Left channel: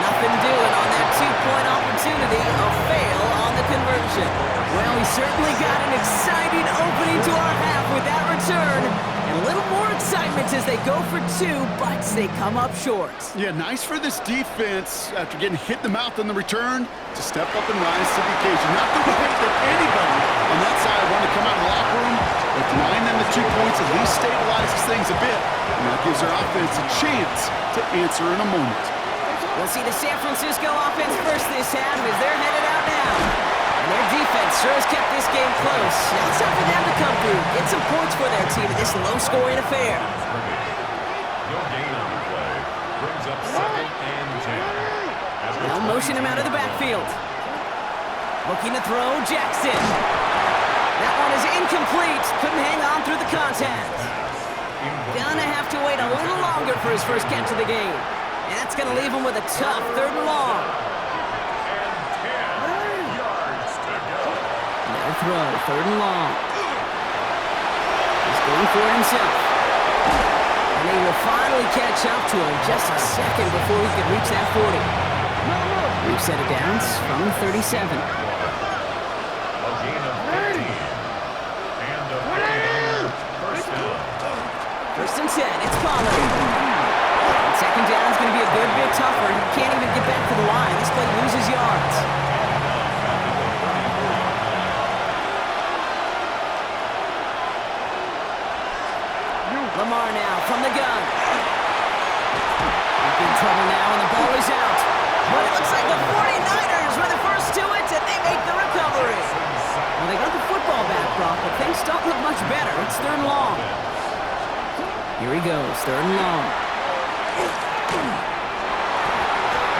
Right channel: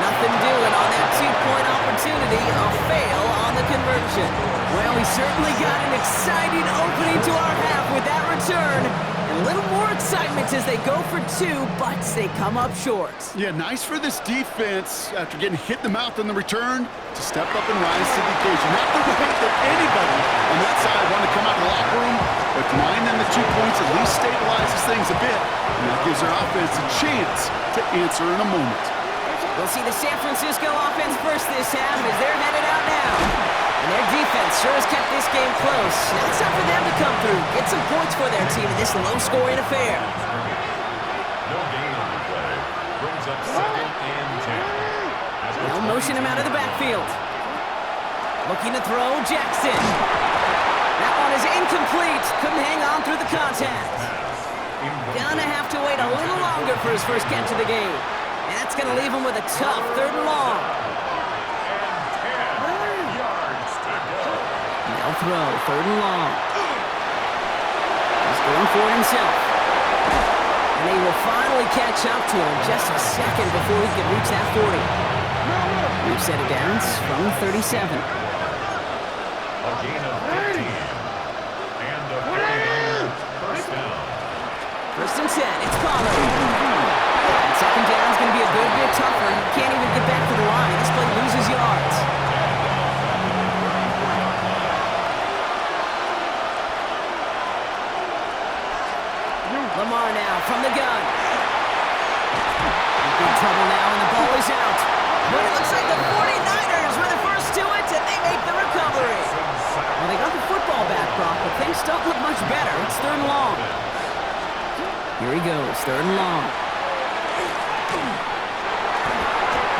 Nothing doing on that two-point opportunity. A fail on the conversion. Well, we certainly got an exciting opening to our half with that return. And a little more excitement as they go for two, but they come up short. Yeah, nice for this defense after getting hit in the mouth on the return to step up and rise to the occasion. Not the way that anybody on that side wanted to come out of the locker room, but denying them the 2 points at least stabilizes things a bit, and that gives their offense a chance to answer in a moment. We'll see the San Francisco offense first this half as they're headed out now. And their defense sure has kept this game close. Now it's time for them to come through, get some points for their team in this low-scoring affair. No gain on the play. Brings up 2nd and 10. They'll motion him out of the backfield. Looking to throw, Jackson. That one is incomplete. Couldn't hang on through the contact. Gonna have to wait a little longer for his first catch of the game. And that's gonna leave him with a tough 3rd and long. They'll throw, 3rd and long. He's going for it himself. And they will finally catch up to him just a second before he can reach that 40. We've set it down from the 37. A gain of 15. And a first down. 1st and 10, it's Pollard. And 2nd down is going to be a good bit tougher. He can't even get back to the line. This play loses yards. Lamar now from the gun. He's in trouble now, and the ball is out. But it looks like the 49ers were the first to it, and they make the recovery. Well, they got the football back, Brock, but things don't look much better. It's 3rd and long. Here he goes, 3rd and long.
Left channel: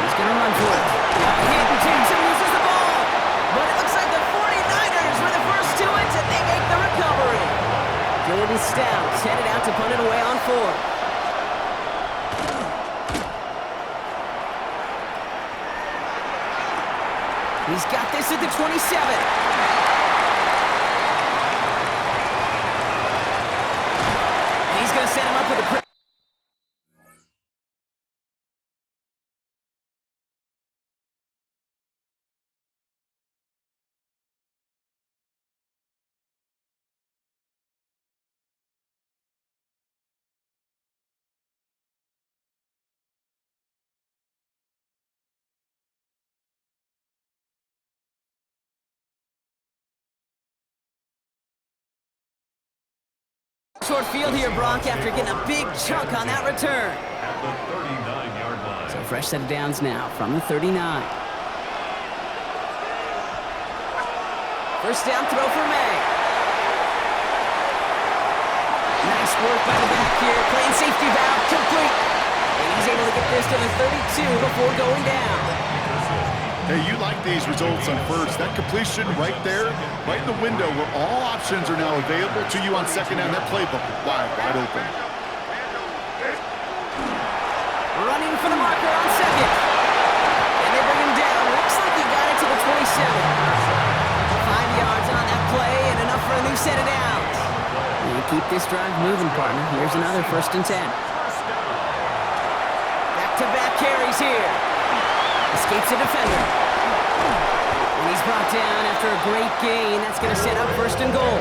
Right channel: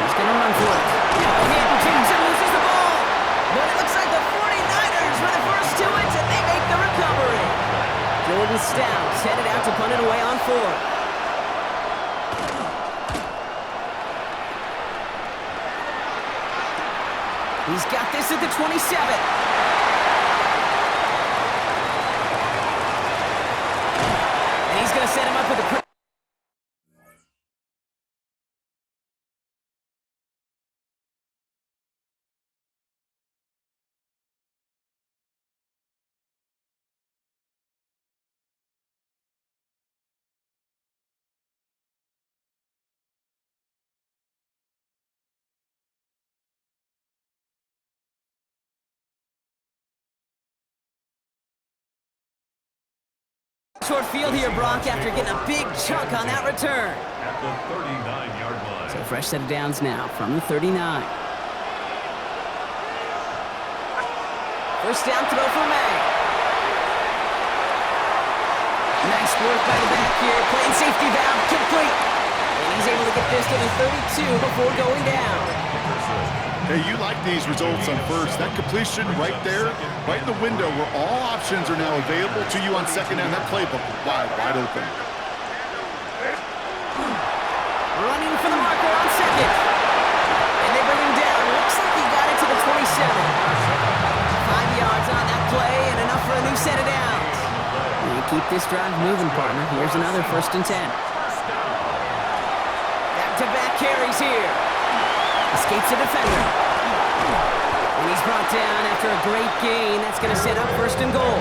He's going to run for it. Now a hit, and Jackson loses the ball. But it looks like the 49ers were the first to it, and they make the recovery. Jordan Stout headed out to punt it away on 4th. He's got this at the 27. And he's going to set him up with a... Short field here, Brock, after getting a big chunk on that return. At the 39-yard line. So fresh set of downs now from the 39. First down throw for May. Nice work by the back here. Playing safety valve complete. And he's able to get this to the 32 before going down. Hey, you like these results on first. That completion right there, right in the window where all options are now available to you on 2nd down. That playbook wide open. Running for the marker on 2nd. And they bring him down. Looks like he got it to the 27. 5 yards on that play and enough for a new set of downs. And you keep this drive moving, partner. Here's another 1st and 10. Back-to-back carries here. Escapes a defender. And he's brought down after a great gain. That's going to set up 1st and goal.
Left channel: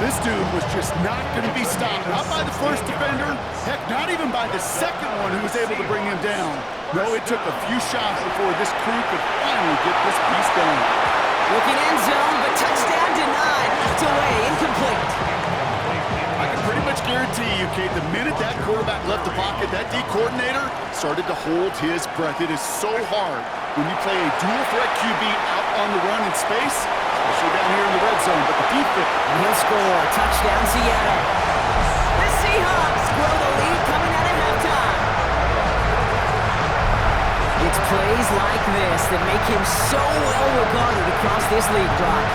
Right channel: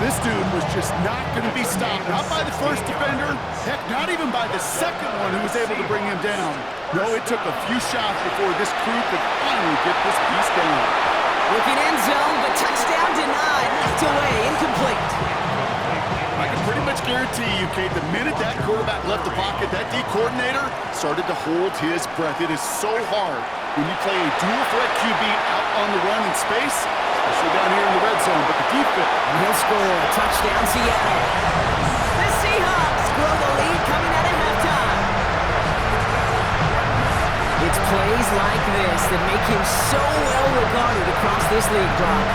This dude was just not going to be stopped. Not by the first defender. Heck, not even by the 2nd one who was able to bring him down. No, it took a few shots before this crew could finally get this piece down. Looking end zone, but touchdown denied. Knocked away, incomplete. I can pretty much guarantee you, Kate, the minute that quarterback left the pocket, that D coordinator started to hold his breath. It is so hard when you play a dual threat QB out on the run in space, especially down here in the red zone, but the defense... And he'll score. Touchdown, Seattle. The Seahawks grow the lead coming out of halftime. It's plays like this that make him so well regarded across this league, Brock.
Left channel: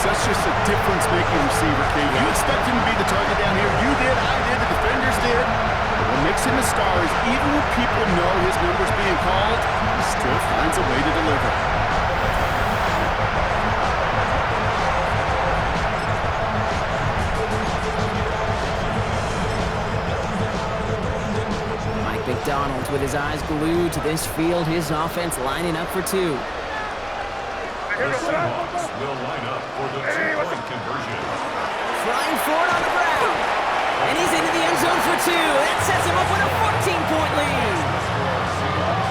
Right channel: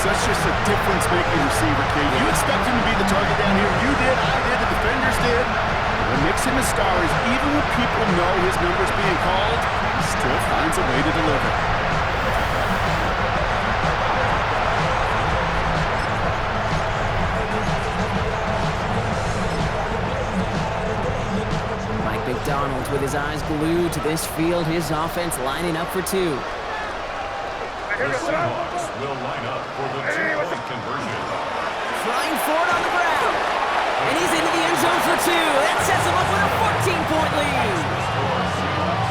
Such just a difference-making receiver, Kate. You expect him to be the target down here. You did, I did, the defenders did. But what makes him a star is even when people know his number's being called, he still finds a way to deliver. McDonald with his eyes glued to this field, his offense lining up for two. The Seahawks will line up for the two-point conversion. Trying for it on the ground. And he's into the end zone for two. That sets him up with a 14-point lead.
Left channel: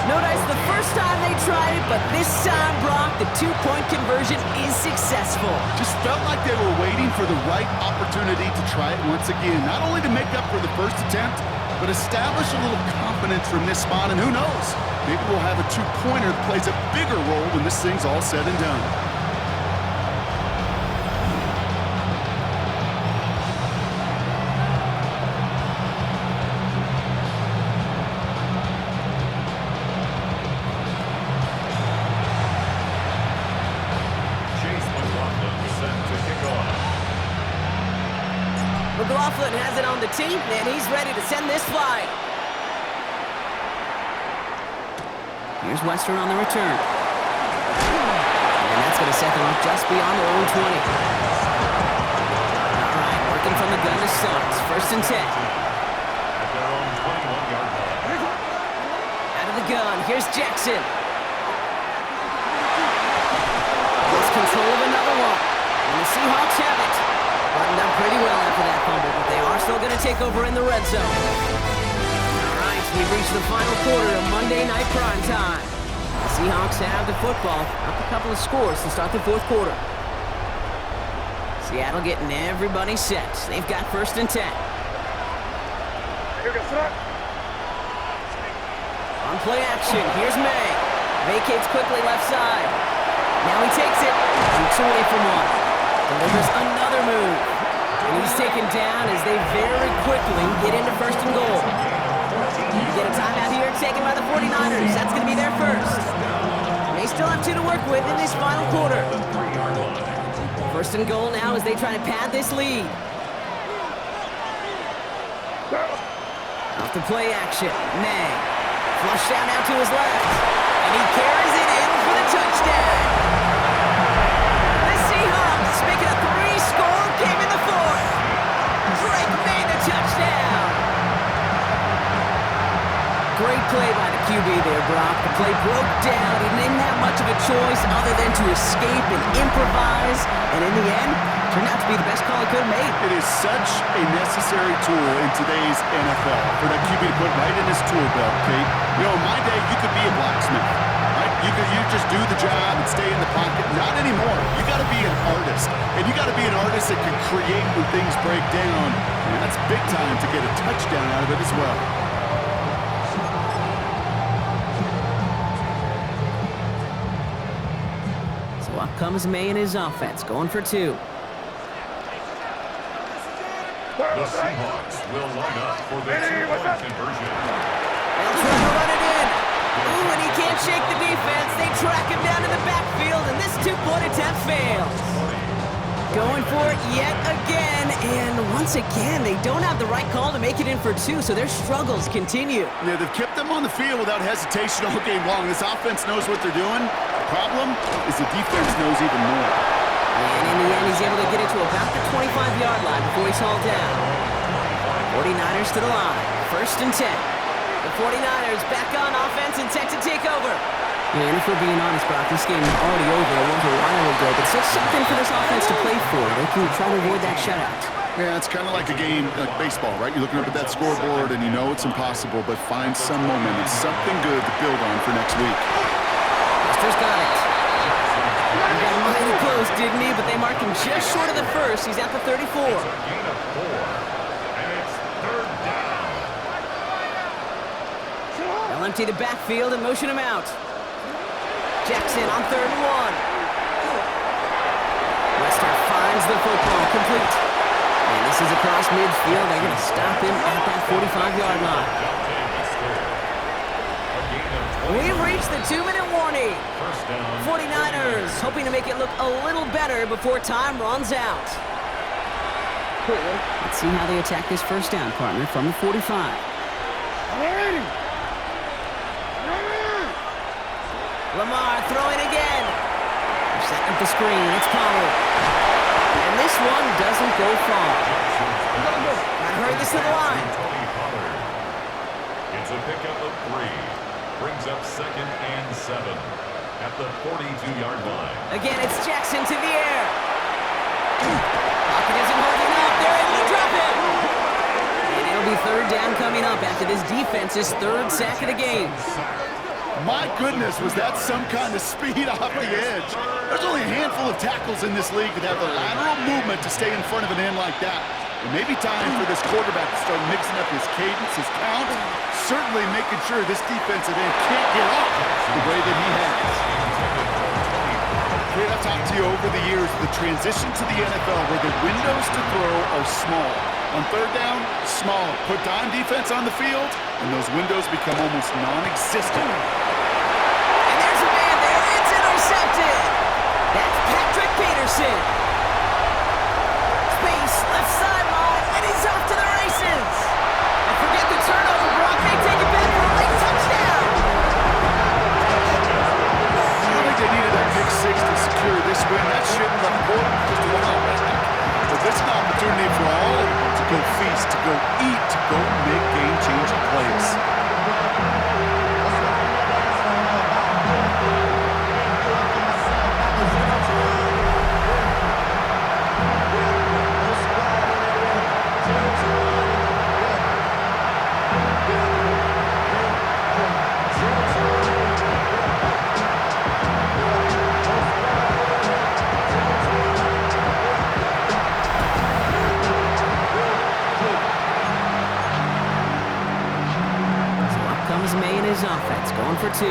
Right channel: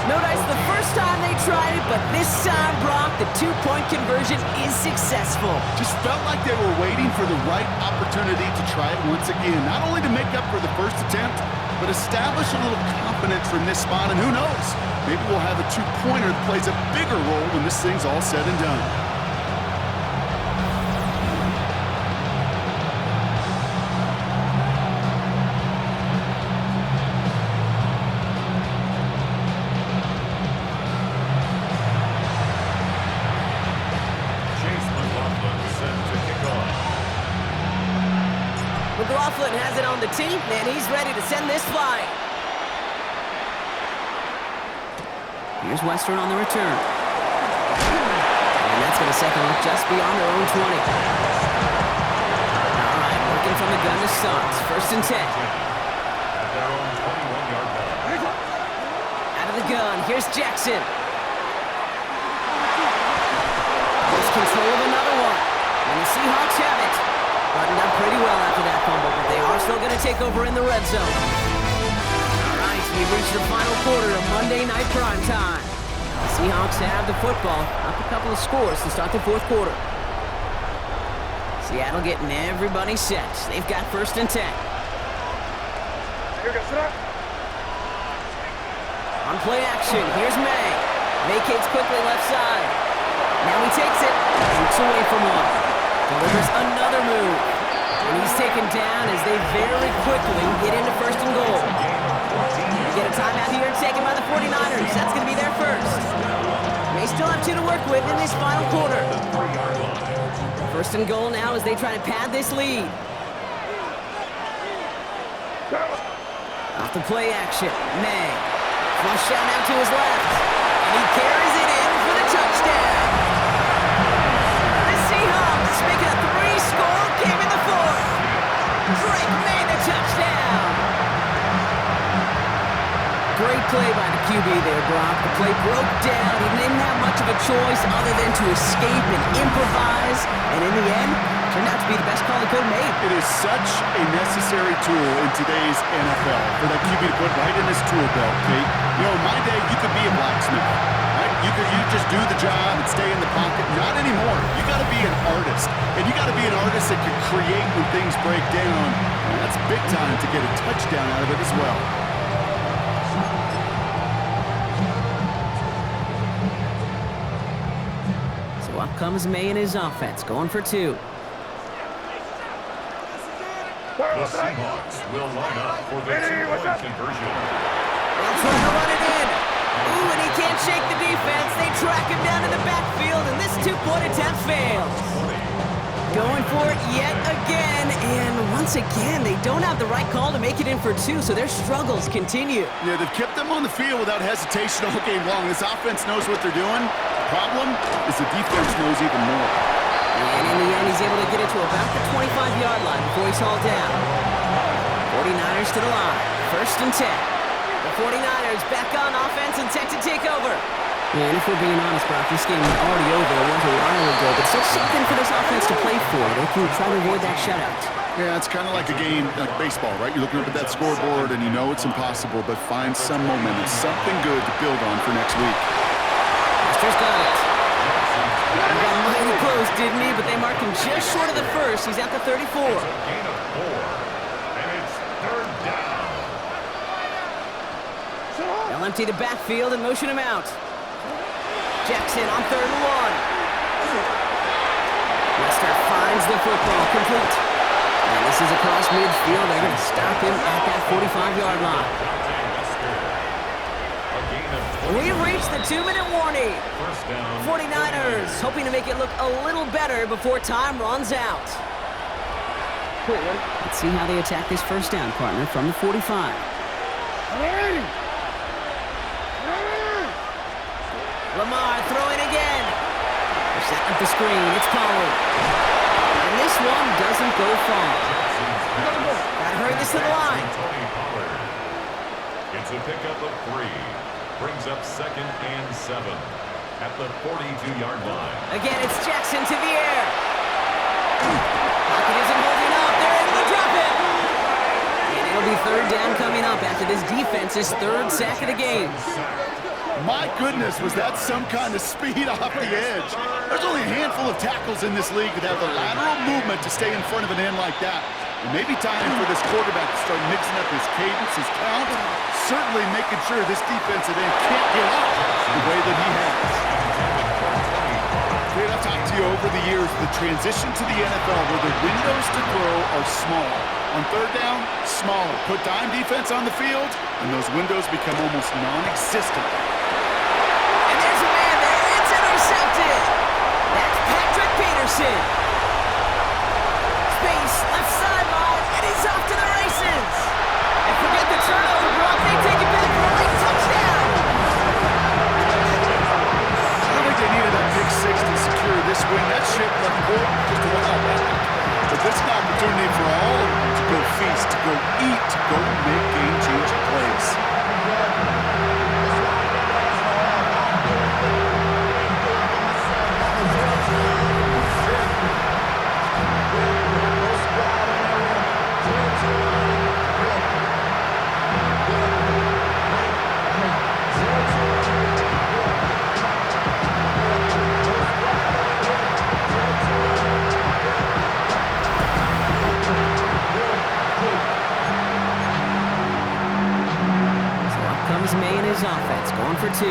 Notice the first time they tried it, but this time, Brock, the two-point conversion is successful. Just felt like they were waiting for the right opportunity to try it once again. Not only to make up for the first attempt, but establish a little confidence from this spot. And who knows, maybe we'll have a two-pointer that plays a bigger role when this thing's all said and done. McLaughlin has it on the tee, and he's ready to send this flying. Here's Western on the return. And that's going to set them up just beyond their own 20. All right, working from the gun to start. First and 10. At their own 21-yard line. Out of the gun, here's Jackson. Lost control of another one. And the Seahawks have it. Buttoned up pretty well after that fumble, but they are still going to take over in the red zone. All right, we've reached the final quarter of Monday Night Primetime. The Seahawks have the football, up a couple of scores to start the fourth quarter. Seattle getting everybody set. They've got first and 10. On play action, here's May. Vacates quickly left side. Now he takes it, shoots away from one. Delivers another move. And he's taken down as they very quickly get into first and goal. You get a timeout here taken by the 49ers. That's going to be their first. They still have two to work with in this final quarter. First and goal now as they try to pad this lead. Off the play action. May. Flush down now to his left. And he carries it in for the touchdown. Seahawks making a three-score game in the fourth. Drake made the touchdown. Great play by the QB there, Brock. The play broke down. He didn't have much of a choice other than to escape and improvise. And in the end, turned out to be the best call he could have made. It is such a necessary tool in today's NFL for that QB to put right in his tool belt, Kate. You know, in my day, you could be a blacksmith. Right? You just do the job and stay in the pocket. Not anymore. You got to be an artist. And you got to be an artist that can create when things break down. And that's big time to get a touchdown out of it as well. So up comes May and his offense, going for two. The Seahawks will line up for the two-point conversion. They'll try to run it in. Ooh, and he can't shake the defense. They track him down in the backfield, and this two-point attempt fails. Going for it yet again, and once again, they don't have the right call to make it in for two, so their struggles continue. Yeah, they've kept them on the field without hesitation all game long. This offense knows what they're doing. The problem is the defense knows even more. And in the end, he's able to get it to about the 25-yard line before he's hauled down. 49ers to the line, first and 10. The 49ers back on offense and set to take over. Yeah, and if we're being honest, Brock, this game is already over. It was a while ago, but still something for this offense to play for. They can try to avoid that shutout. Yeah, it's kind of like a game, like baseball, right? You're looking up at that scoreboard, and you know it's impossible, but find some momentum, something good to build on for next week. Buster's got it. He got mighty close, didn't he? But they marked him just short of the first. He's at the 34. It's a gain of 4, and it's third down. They'll empty the backfield and motion him out. Jackson on third and 1. Wester finds the football complete. And this is across midfield. They're going to stop him at that 45-yard line. We've reached the 2-minute warning. 49ers hoping to make it look a little better before time runs out. Let's see how they attack this first down, partner, from the 45. Lamar throwing again. They're setting up the screen. It's Pollard. And this one doesn't go far. Got to hurry this to the line. It's a pickup of 3. Brings up 2nd and 7 at the 42-yard line. Again, it's Jackson to the air. Pocket isn't holding up. They're able to drop him. And it'll be 3rd down coming up after this defense's 3rd sack of the game. My goodness, was that some kind of speed off the edge. There's only a handful of tackles in this league that have the lateral movement to stay in front of an end like that. It may be time for this quarterback to start mixing up his cadence, his count, certainly making sure this defensive end can't get off the way that he has. Great, I've talked to you over the years, the transition to the NFL where the windows to throw are small. On 3rd down, smaller. Put dime defense on the field, and those windows become almost non-existent. And there's a man there. It's intercepted. That's Patrick Peterson. Space, left sideline, and he's off to the races. And forget the turnover, Brock. They take it back for a late touchdown. I think they needed that pick 6 to secure this win. That ship left port just a while back. But this is an opportunity for all of them to go feast, to go eat, to go make game-changing plays. Comes May in his offense, going for 2.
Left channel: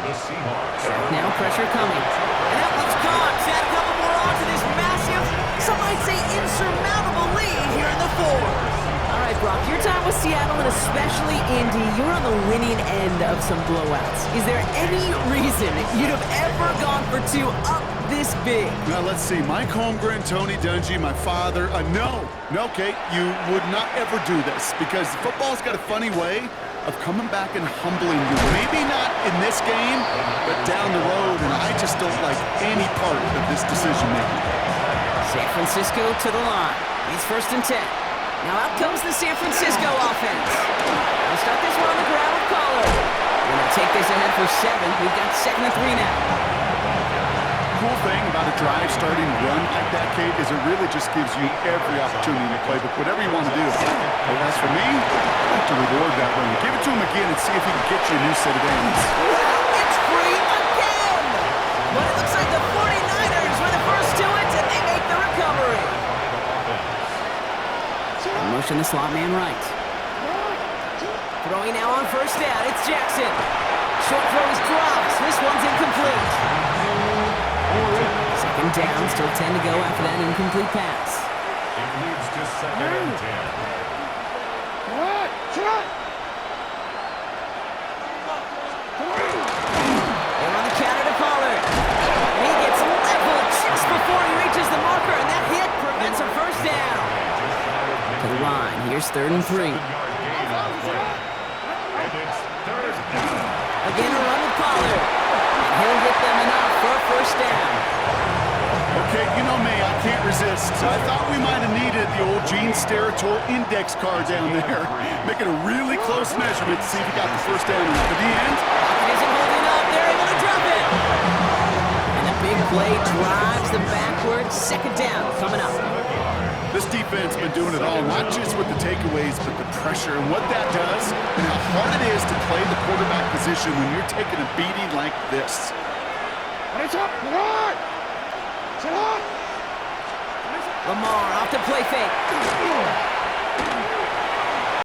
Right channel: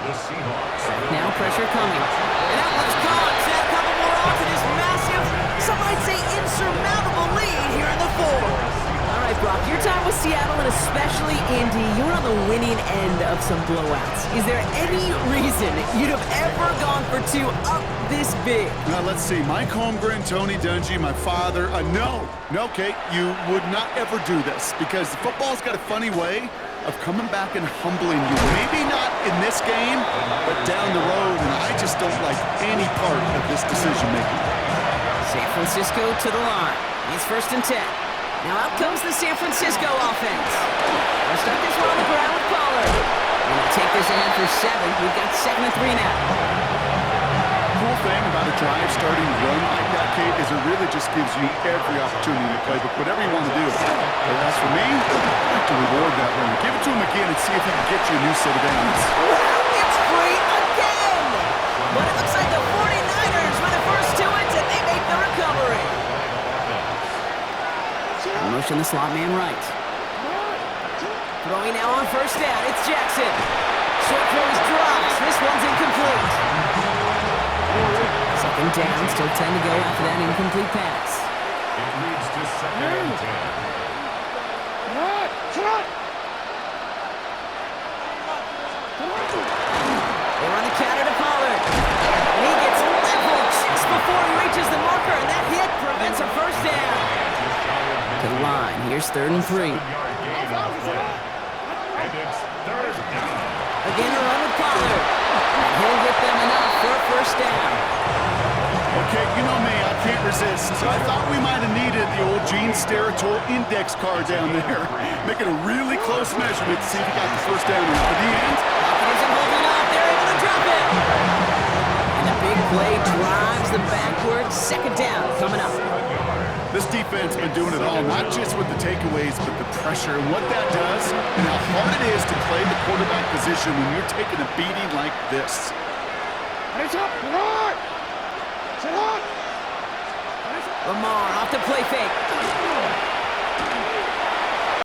The Seahawks. Now pressure coming. And that one's caught. To add a couple more on to this massive, some might say insurmountable lead here in the 4th. All right, Brock, your time with Seattle and especially Indy, you were on the winning end of some blowouts. Is there any reason you'd have ever gone for 2 up this big? Now, let's see. Mike Holmgren, Tony Dungy, my father. No, Kate, you would not ever do this because football's got a funny way of coming back and humbling you. Maybe not in this game, but down the road, and I just don't like any part of this decision-making. San Francisco to the line. It's 1st and 10. Now out comes the San Francisco offense. I'll start this one on the ground with Pollard. We're going to take this ahead for 7. We've got 2nd and 3 now. Cool thing about a drive starting run like that, Kate, is it really just gives you every opportunity in the playbook, whatever you want to do. But as for me, I'd like to reward that run. Give it to him again and see if he can get you a new set of ends. Wow, it's free again! But it looks like the 49ers were the first to it, and they make the recovery. Motion the slot man right. Throwing now on 1st down, it's Jackson. Short throw is dropped. This one's incomplete. 2nd down, still 10 to go after that incomplete pass. It leads to 2nd and 10. They run the counter to Pollard. And he gets leveled just before he reaches the marker, and that hit prevents a 1st down. To the line, here's 3rd and 3. And it's 3rd down. Again a run with Pollard. And he'll get them enough for a 1st down. Okay, you know me, I can't resist. So I thought we might have needed the old Gene Steratore index card down there. Making a really close measurement to see if he got the 1st down or not. But the end, Pocket isn't holding up. They're able to drop it. And the big play drives them backwards. 2nd down coming up. this defense been doing it all, not just with the takeaways, but the pressure and what that does and how hard it is to play the quarterback position when you're taking a beating like this. Lamar off the play fake.